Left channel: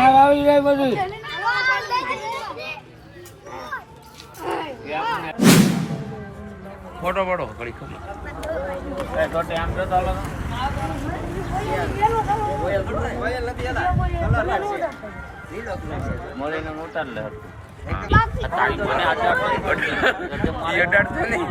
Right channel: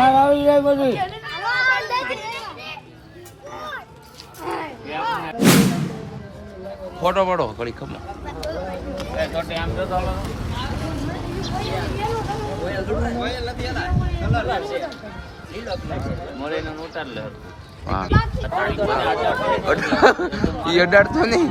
આવી જાય બધું ફોટો પડો ઘડી ખબર એ ડરતો નહીં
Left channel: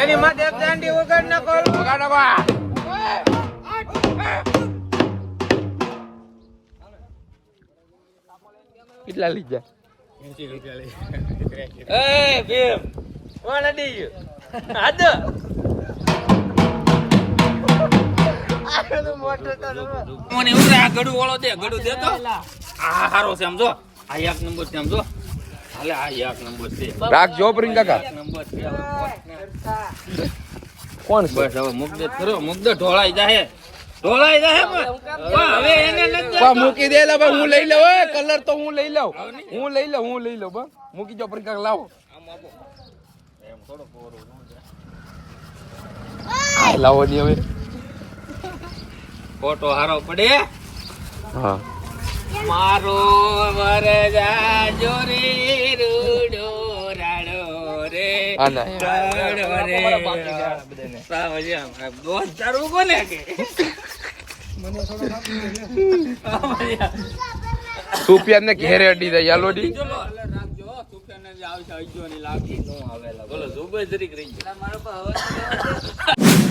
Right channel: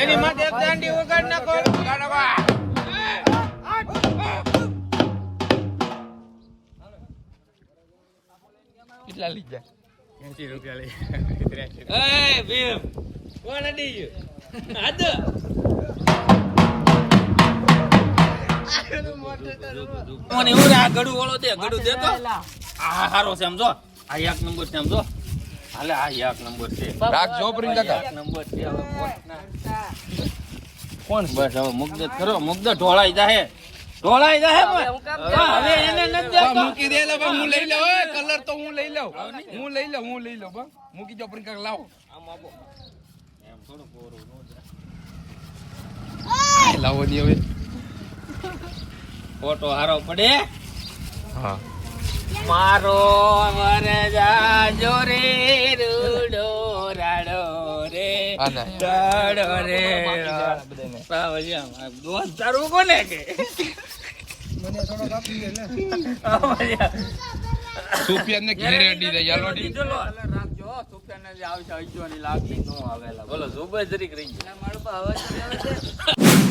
એની માટે દાંડી વગર ન કરો કેટલા લઈ જાય 80 રૂપિયા લઈ એ ભીમ કોણ અડી ગયો આદ કોને ઉરા ગડુ ઓળો દે ગડુ દે તો આ હારો છે સમજો આ એક નંબર છે સમજો હાલે આ એક નંબર છે રાખજો પ્રિંગ કાકા એક નંબર છે કોણ બસ હવે મુગદે ખરો મુગદે ઢોળાઈ જાહે હવે એને નથી મૂકી દે લા હું લઈ લઉં ઓય કલર તો હું લઈ લઉં બા મૂકી જો પ્રિંગ કાકા લાવો આમ આપો એમ થોડો પોરો નો જાય લાવો ની હવે ફોટો હારો પડે હા મારો વરજા જોરે રૂડો રાડો રે રાડો રે બોલ ચારું કોને મને સુપિયા ને ઘેરે અડી જાય યાલો ડી રાખજો સુપિયા ને આવશે 8 ની લાગી નો આવેલા બોલો સુબે જરીક રહી ગયા મારો પર હવે